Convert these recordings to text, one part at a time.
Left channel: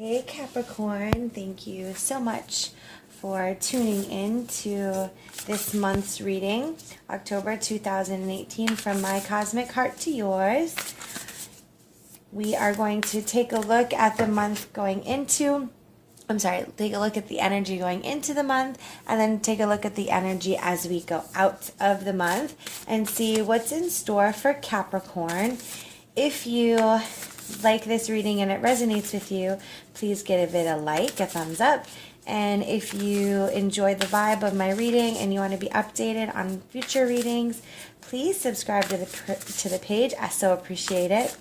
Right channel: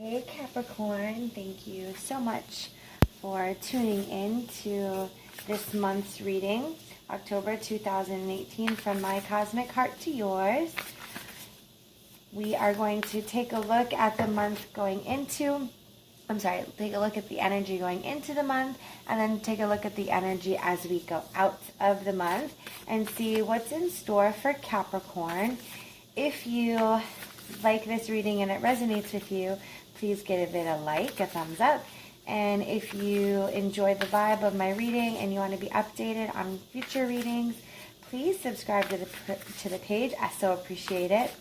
Hey Capricorn, thank you so much for tuning in to this month's reading, October 2018, from my cosmic heart to yours. We are going to take a look at the month going into, take a look at the energy going into the month, and then take a look at the energy as we go out of the month and see what's in store for Capricorn. If you like this reading and it resonates with you, please give it a like, a thumbs up. And if you enjoy the vibe of my reading and you want to be updated on future readings, please subscribe to the page. I so appreciate it.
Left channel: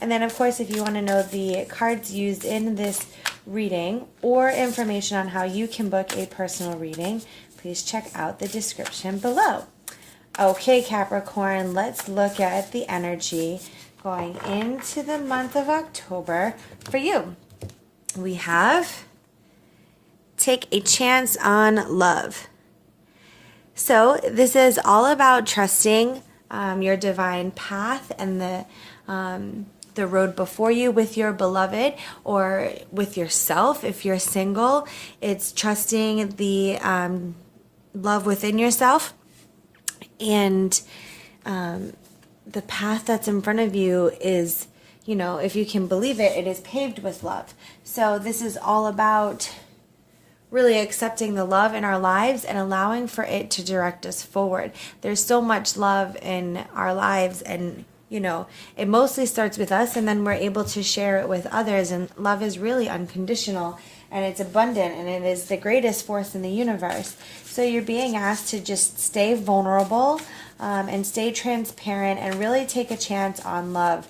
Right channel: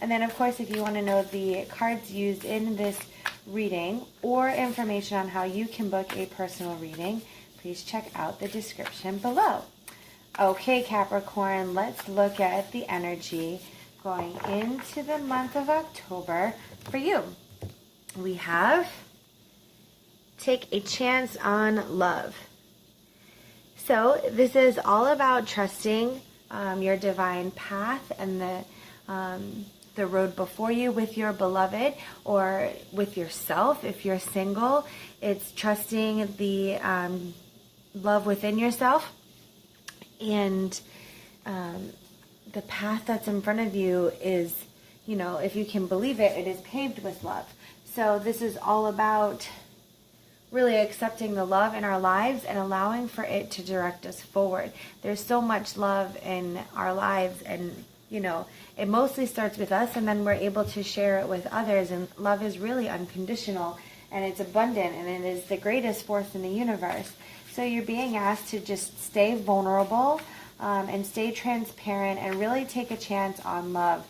And then, of course, if you want to know the cards used in this reading or information on how you can book a personal reading, please check out the description below. Okay, Capricorn, let's look at the energy going into the month of October for you. We have take a chance on love. So this is all about trusting your divine path and the road before you with your beloved or with yourself. If you're single, it's trusting the love within yourself and the path that's in front of you is, if you can believe it, it is paved with love. So this is all about really accepting the love in our lives and allowing for it to direct us forward. There's so much love in our lives, and it mostly starts with us, and then we're able to share it with others. And love is really unconditional, and it's abundant, and it is the greatest force in the universe. So you're being asked to just stay vulnerable and stay transparent and really take a chance on love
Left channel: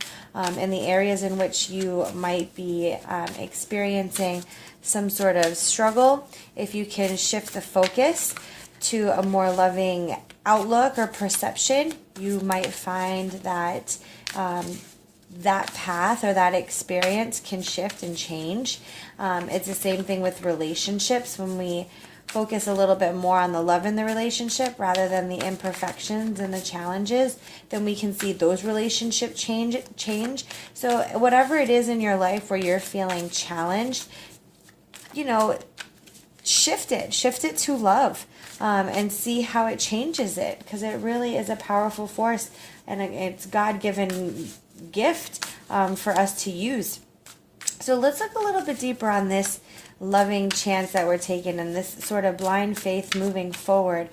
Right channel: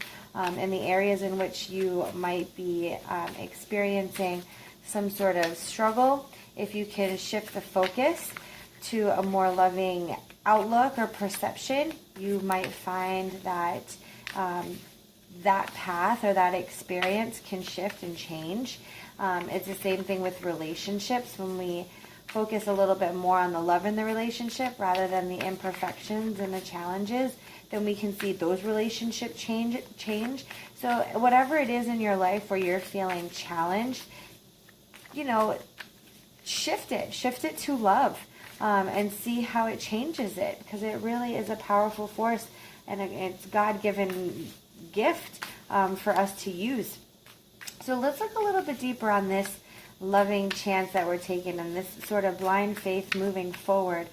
in the areas in which you might be experiencing some sort of struggle. If you can shift the focus to a more loving outlook or perception, you might find that that path or that experience can shift and change. It's the same thing with relationships. When we focus a little bit more on the love in the relationship rather than the imperfections and the challenges, then we can see those relationships change. So whatever it is in your life where you're feeling challenged, shift it to love, and see how it changes it, because it really is a powerful force, and it's God-given gift for us to use. So let's look a little bit deeper on this loving chance that we're taking and this sort of blind faith moving forward.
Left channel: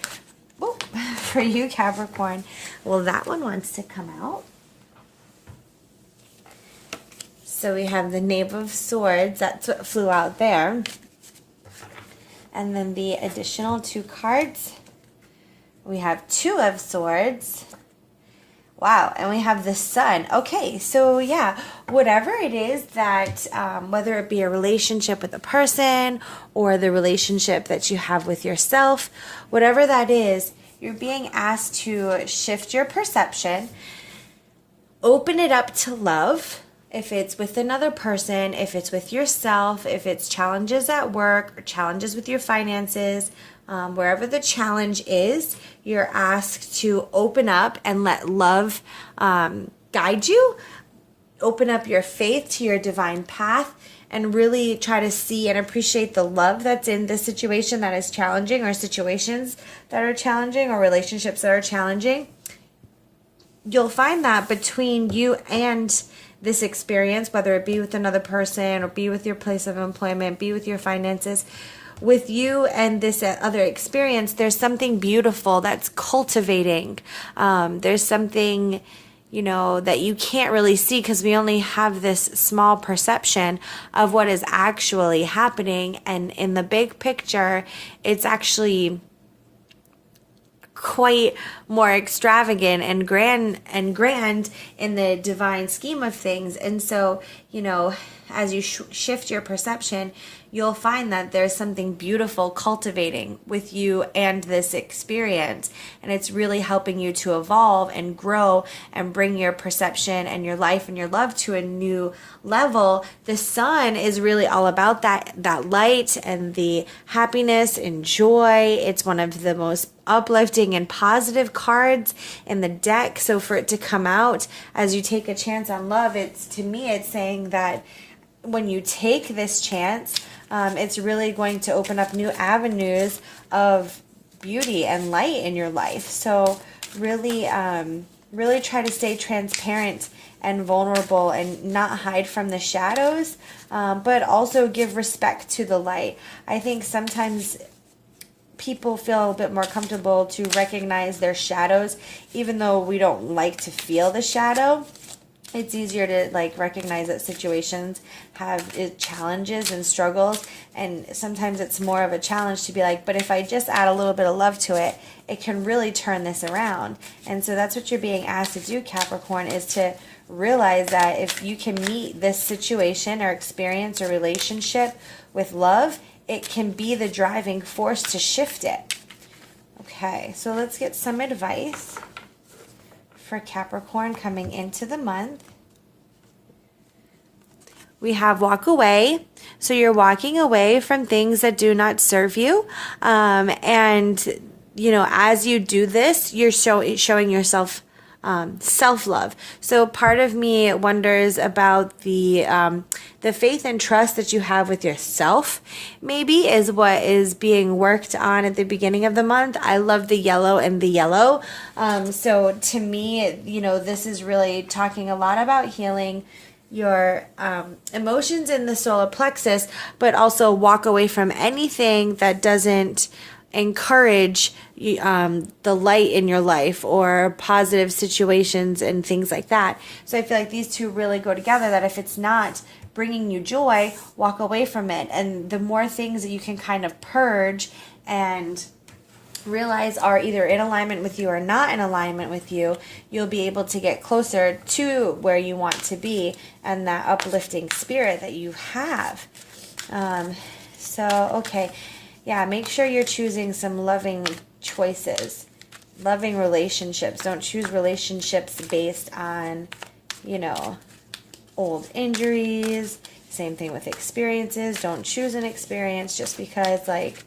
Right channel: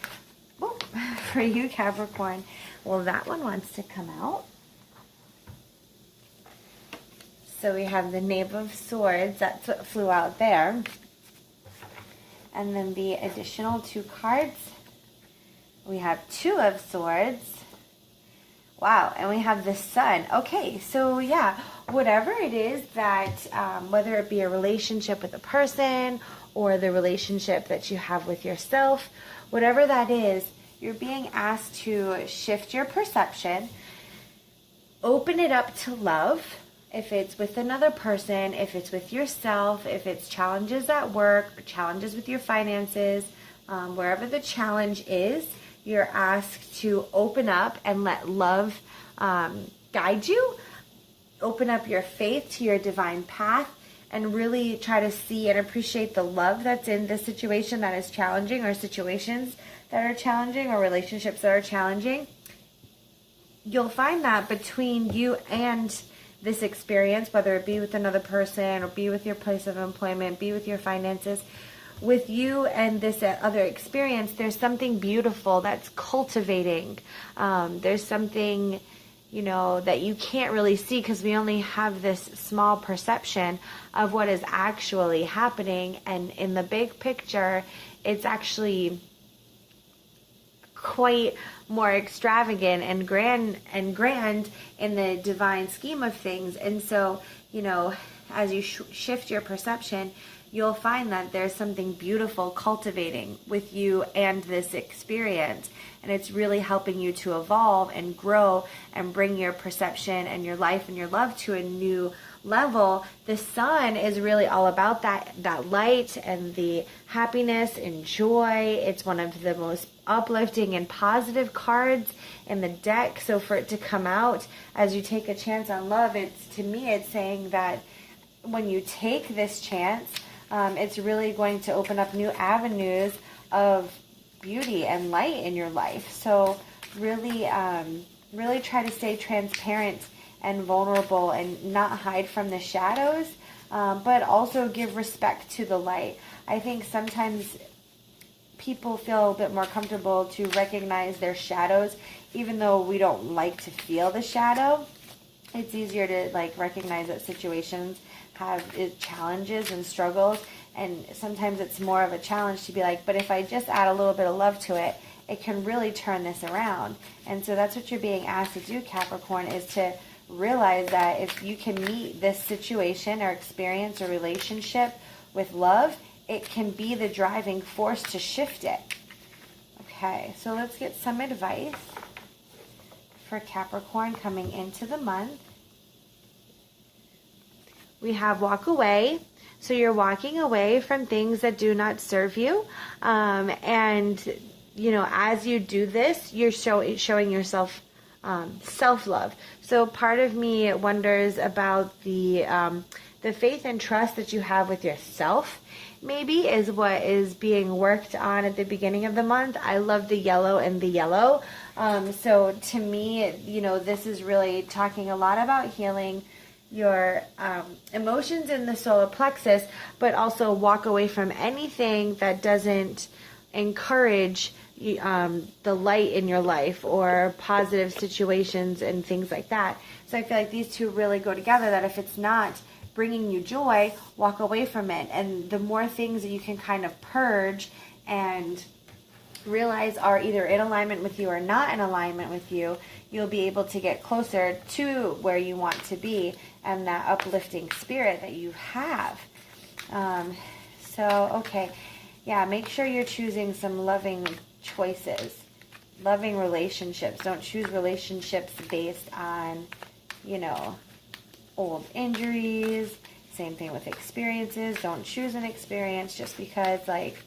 Ooh, for you, Capricorn. Well, that one wants to come out. So we have the Knave of Swords. That's what flew out there. And then the additional 2 cards. We have 2 of Swords. Wow, and we have the Sun. Okay, so yeah, whatever it is that, whether it be a relationship with a person or the relationship that you have with yourself, whatever that is, you're being asked to shift your perception, open it up to love. If it's with another person, if it's with yourself, if it's challenges at work or challenges with your finances, wherever the challenge is, you're asked to open up and let love guide you. Open up your faith to your divine path and really try to see and appreciate the love that's in the situation that is challenging, or situations that are challenging, or relationships that are challenging. You'll find that between you and this experience, whether it be with another person or be with your place of employment, be with your finances, with you and this other experience, there's something beautiful that's cultivating. There's something, that you can't really see because we only have this small perception of what is actually happening. And in the big picture, it's actually quite more extravagant and grand in the divine scheme of things. And so, as you shift your perception, you'll find that there's something beautiful cultivating with you and this experience. And it's really helping you to evolve and grow and bring your perception and your life and your love to a new level. The Sun is really all about that light and the happiness and joy. It's one of the most uplifting and positive cards in the deck. So for it to come out as you take a chance on love, to me it's saying that when you take this chance, it's really going to open up new avenues of beauty and light in your life. So really, really try to stay transparent and vulnerable and not hide from the shadows, but also give respect to the light. I think sometimes people feel a bit more comfortable to recognize their shadows, even though we don't like to feel the shadow. It's easier to like recognize that situations have challenges and struggles, and sometimes it's more of a challenge to be like, but if I just add a little bit of love to it, it can really turn this around. And so that's what you're being asked to do, Capricorn, is to realize that if you can meet this situation or experience or relationship with love, it can be the driving force to shift it. Okay, so let's get some advice for Capricorn coming into the month. We have walk away. So you're walking away from things that do not serve you. And, you know, as you do this, you're showing yourself self-love. So part of me wonders about the faith and trust that you have with yourself, maybe, is what is being worked on at the beginning of the month. I love the yellow and the yellow. So to me, you know, this is really talking a lot about healing your emotions in the solar plexus, but also walk away from anything that doesn't encourage the light in your life or positive situations and things like that. So I feel like these two really go together, that if it's not bringing you joy, walk away from it. And the more things that you can kind of purge and realize are either in alignment with you or not in alignment with you, you'll be able to get closer to where you want to be and that uplifting spirit that you have. Okay. Yeah, make sure you're choosing some loving choices, loving relationships. Don't choose relationships based on, you know, old injuries. Same thing with experiences. Don't choose an experience just because, like,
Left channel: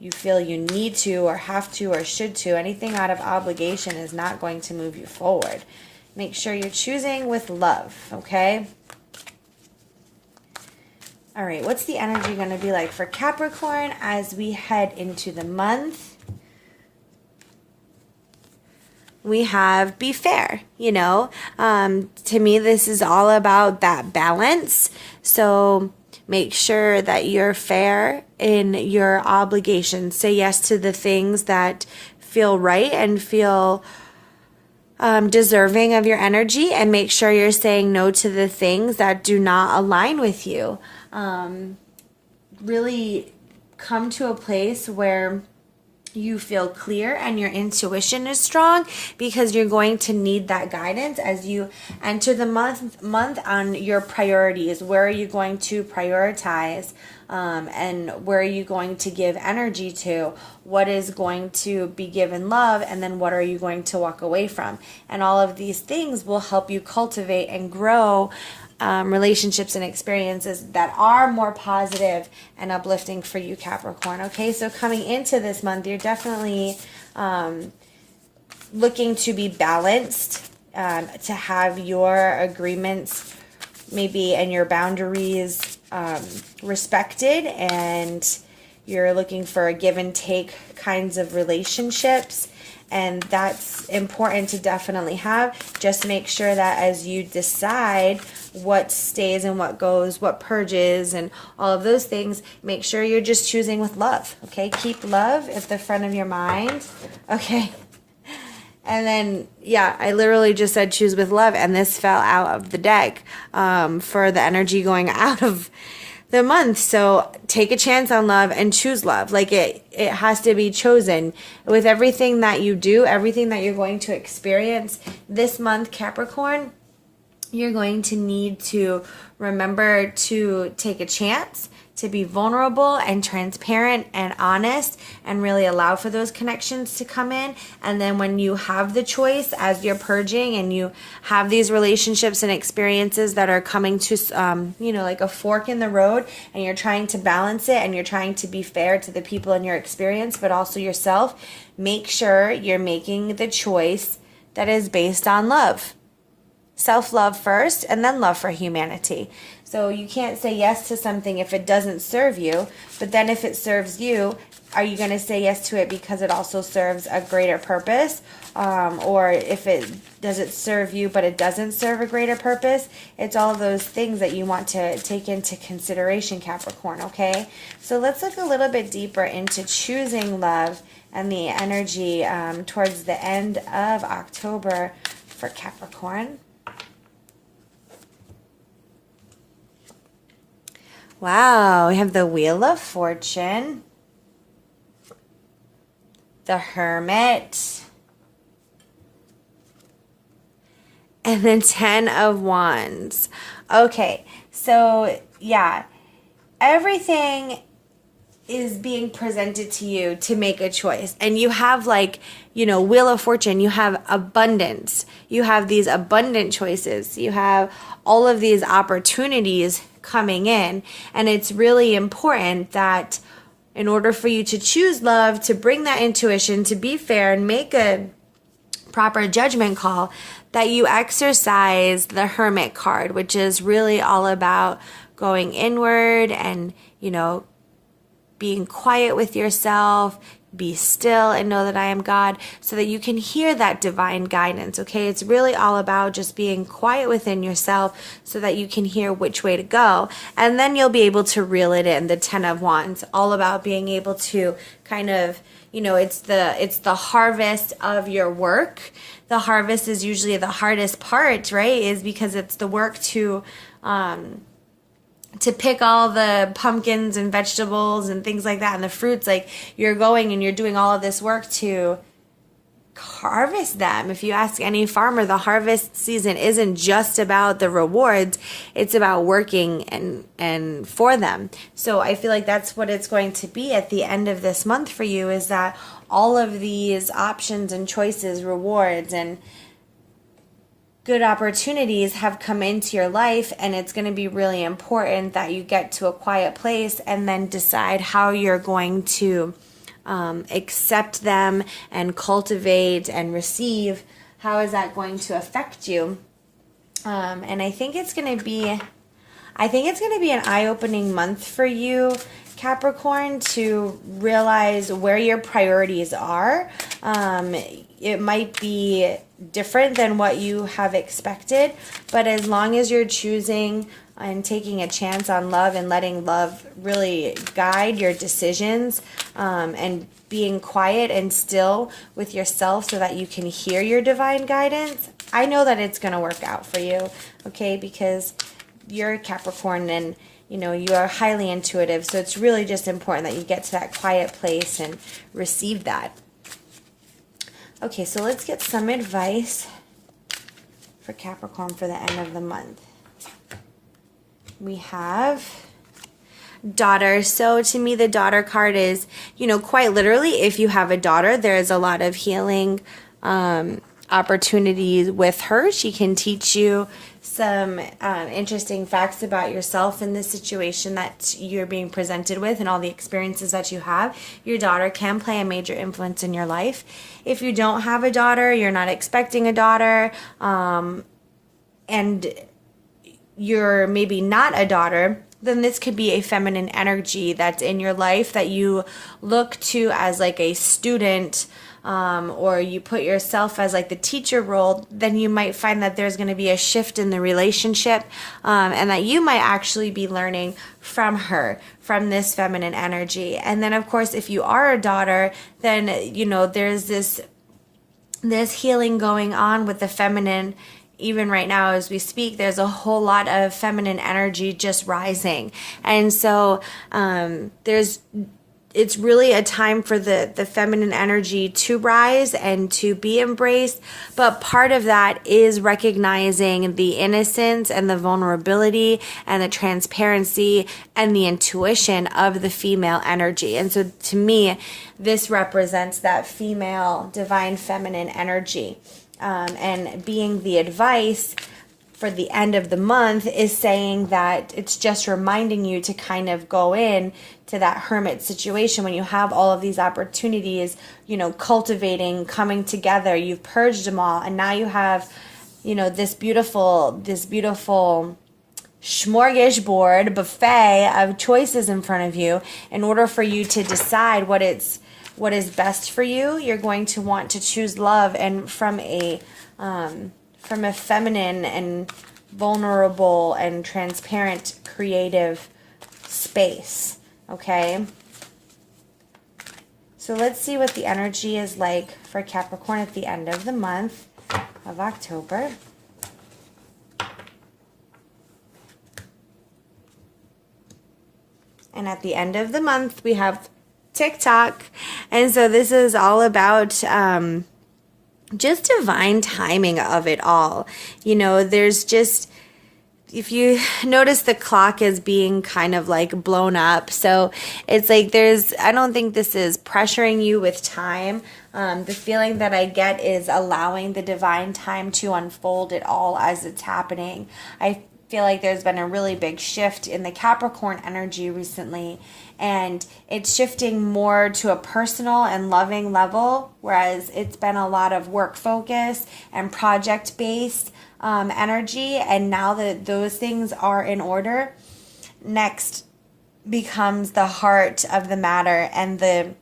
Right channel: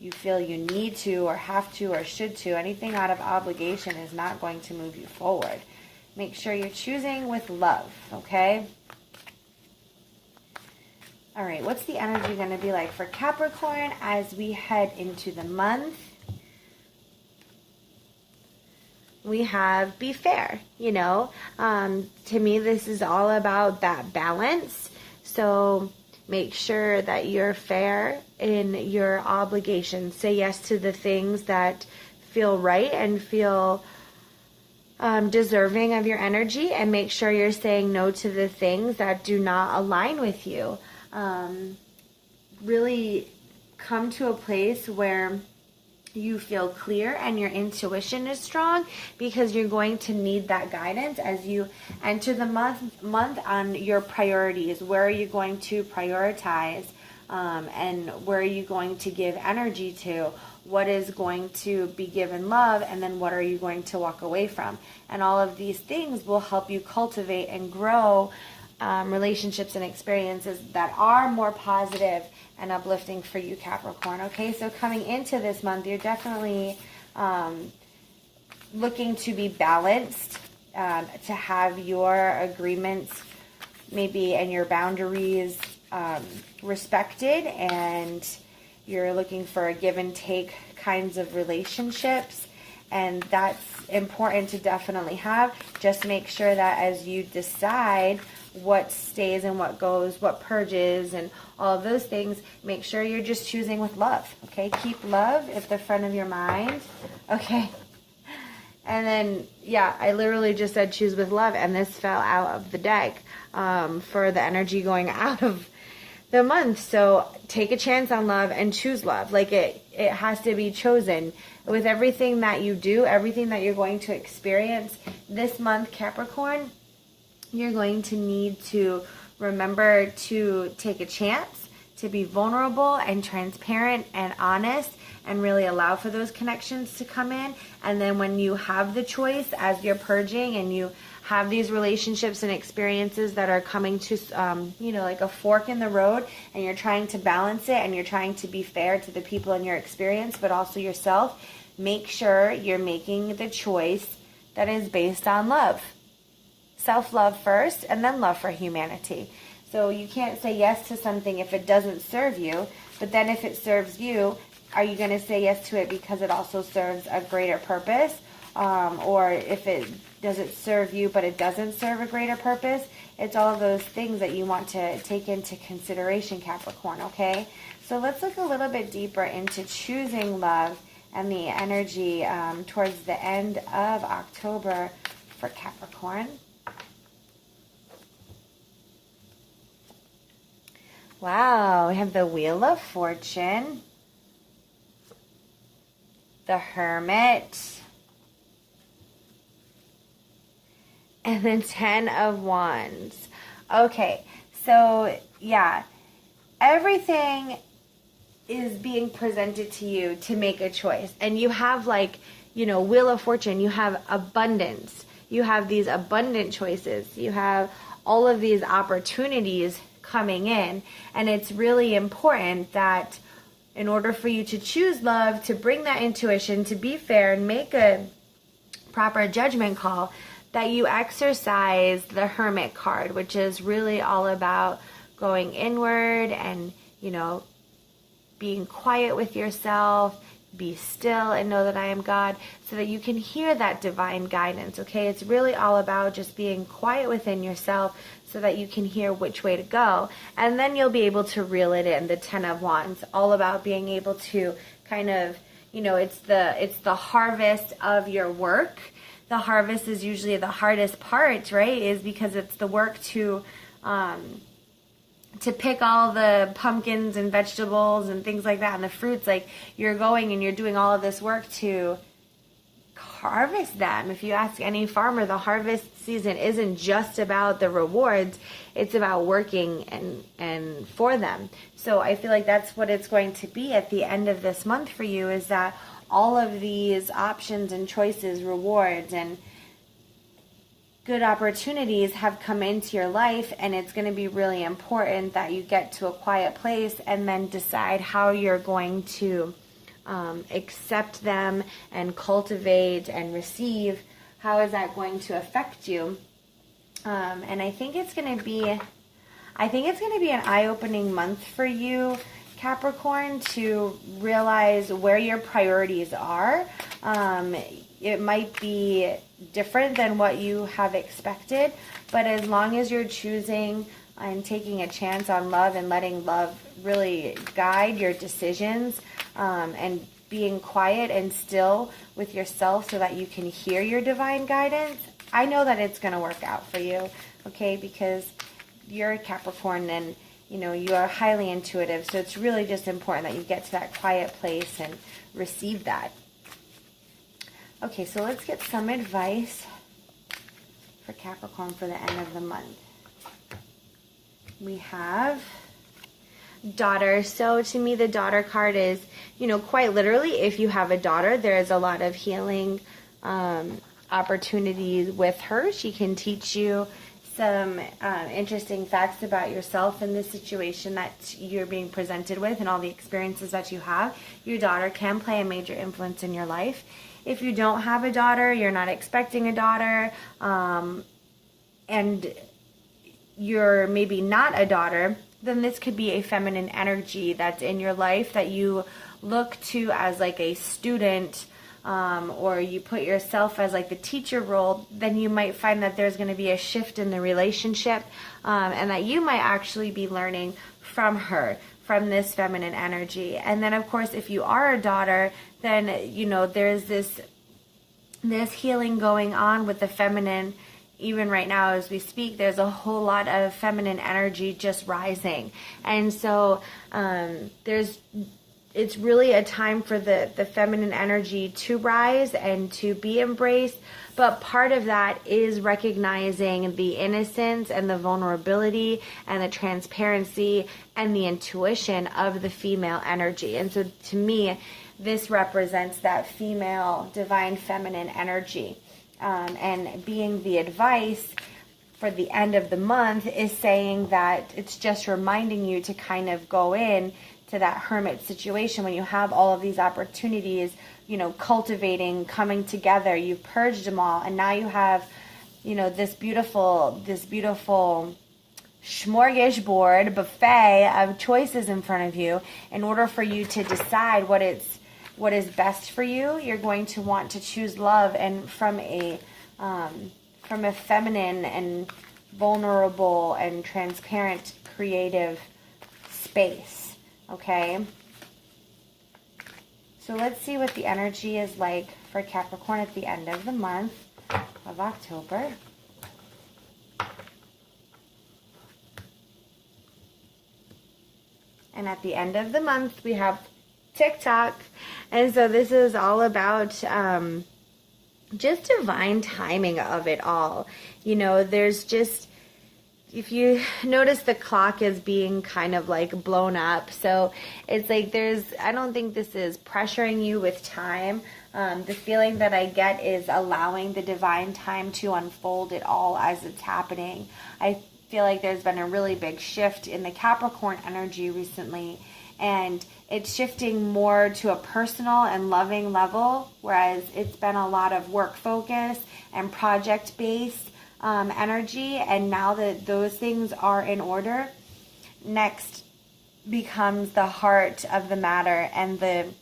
you feel you need to or have to or should to. Anything out of obligation is not going to move you forward. Make sure you're choosing with love, okay? All right, what's the energy going to be like for Capricorn as we head into the month? We have be fair, you know. To me, this is all about that balance. So make sure that you're fair in your obligations. Say yes to the things that feel right and feel deserving of your energy, and make sure you're saying no to the things that do not align with you. Really come to a place where you feel clear and your intuition is strong, because you're going to need that guidance as you enter the month on your priorities. Where are you going to prioritize, and where are you going to give energy to? What is going to be given love, and then what are you going to walk away from? And all of these things will help you cultivate and grow relationships and experiences that are more positive and uplifting for you, Capricorn. Okay, so coming into this month, you're definitely looking to be balanced, to have your agreements maybe and your boundaries respected, and you're looking for a give and take kinds of relationships. And that's important to definitely have. Just make sure that as you decide what stays and what goes, what purges, and all of those things, make sure you're just choosing with love, okay? Keep love at the front of your mind, okay? And then, yeah, I literally just said choose with love, and this fell out of the deck for the energy going out of the month. So take a chance on love and choose love. Like it has to be chosen. With everything that you do, everything that you're going to experience this month, Capricorn, you're going to need to remember to take a chance, to be vulnerable and transparent and honest, and really allow for those connections to come in. And then when you have the choice, as you're purging and you have these relationships and experiences that are coming to, like a fork in the road, and you're trying to balance it and you're trying to be fair to the people in your experience, but also yourself, make sure you're making the choice that is based on love. Self-love first, and then love for humanity. So you can't say yes to something if it doesn't serve you, but then if it serves you, are you going to say yes to it because it also serves a greater purpose? Or if does it serve you but it doesn't serve a greater purpose? It's all of those things that you want to take into consideration, Capricorn, okay? So let's look a little bit deeper into choosing love and the energy towards the end of October for Capricorn. Wow, we have the Wheel of Fortune, the Hermit, and the 10 of Wands. Okay, so yeah, everything is being presented to you to make a choice. And you have, like, you know, Wheel of Fortune, you have abundance. You have these abundant choices. You have all of these opportunities coming in. And it's really important that in order for you to choose love, to bring that intuition, to be fair and make a proper judgment call, that you exercise the Hermit card, which is really all about going inward and, you know, being quiet with yourself, be still and know that I am God, so that you can hear that divine guidance, okay? It's really all about just being quiet within yourself so that you can hear which way to go. And then you'll be able to reel it in, the 10 of Wands, all about being able to kind of, you know, it's the harvest of your work. The harvest is usually the hardest part, right? Is because it's the work to pick all the pumpkins and vegetables and things like that and the fruits. Like, you're going and you're doing all of this work to harvest them. If you ask any farmer, the harvest season isn't just about the rewards, it's about working and for them. So I feel like that's what it's going to be at the end of this month for you, is that all of these options and choices, rewards and good opportunities have come into your life, and it's going to be really important that you get to a quiet place and then decide how you're going to accept them and cultivate and receive. How is that going to affect you? And I think it's going to be an eye-opening month for you, Capricorn, to realize where your priorities are. It might be different than what you have expected, but as long as you're choosing and taking a chance on love and letting love really guide your decisions, and being quiet and still with yourself so that you can hear your divine guidance, I know that it's going to work out for you, okay? Because you're a Capricorn and, you know, you are highly intuitive, so it's really just important that you get to that quiet place and receive that. Okay, so let's get some advice for Capricorn for the end of the month. We have daughter. So to me, the daughter card is, you know, quite literally, if you have a daughter, there is a lot of healing opportunities with her. She can teach you some interesting facts about yourself in this situation that you're being presented with and all the experiences that you have. Your daughter can play a major influence in your life. If you don't have a daughter, you're not expecting a daughter, and you're maybe not a daughter, then this could be a feminine energy that's in your life that you look to as like a student, or you put yourself as like the teacher role. Then you might find that there's going to be a shift in the relationship, and that you might actually be learning from her, from this feminine energy. And then of course, if you are a daughter, then, you know, there's this healing going on with the feminine. Even right now as we speak, there's a whole lot of feminine energy just rising. And so it's really a time for the feminine energy to rise and to be embraced. But part of that is recognizing the innocence and the vulnerability and the transparency and the intuition of the female energy. And so to me, this represents that female divine feminine energy. And being the advice for the end of the month is saying that it's just reminding you to kind of go in to that hermit situation when you have all of these opportunities, you know, cultivating, coming together, you've purged them all, and now you have, you know, this beautiful smorgasbord buffet of choices in front of you. In order for you to decide what is best for you, you're going to want to choose love, and from a feminine and vulnerable and transparent creative space. Okay, so let's see what the energy is like for Capricorn at the end of the month of October. And at the end of the month, we have TikTok. And so this is all about just divine timing of it all. You know, there's just, if you notice, the clock is being kind of like blown up. So it's like I don't think this is pressuring you with time. The feeling that I get is allowing the divine time to unfold it all as it's happening. I feel like there's been a really big shift in the Capricorn energy recently, and it's shifting more to a personal and loving level, whereas it's been a lot of work focus and project based energy. And now that those things are in order, next becomes the heart of the matter and the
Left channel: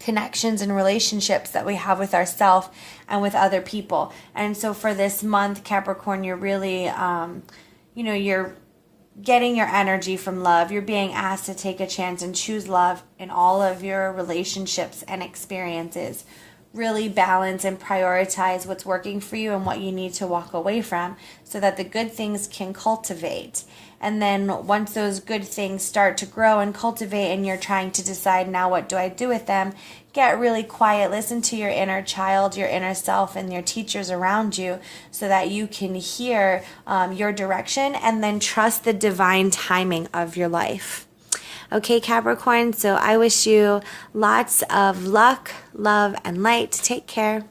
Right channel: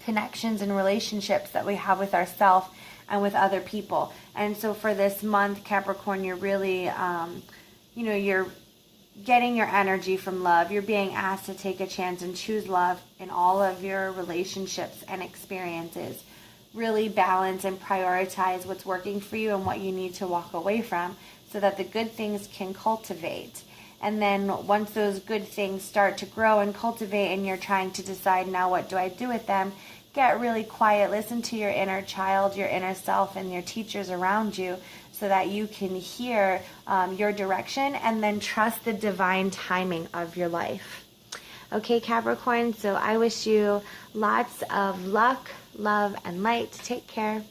connections and relationships that we have with ourselves and with other people. And so for this month, Capricorn, you're really you're getting your energy from love. You're being asked to take a chance and choose love in all of your relationships and experiences. Really balance and prioritize what's working for you and what you need to walk away from, so that the good things can cultivate. And then once those good things start to grow and cultivate, and you're trying to decide, now what do I do with them, get really quiet, listen to your inner child, your inner self, and your teachers around you, so that you can hear your direction, and then trust the divine timing of your life. Okay, Capricorn, so I wish you lots of luck, love, and light. Take care.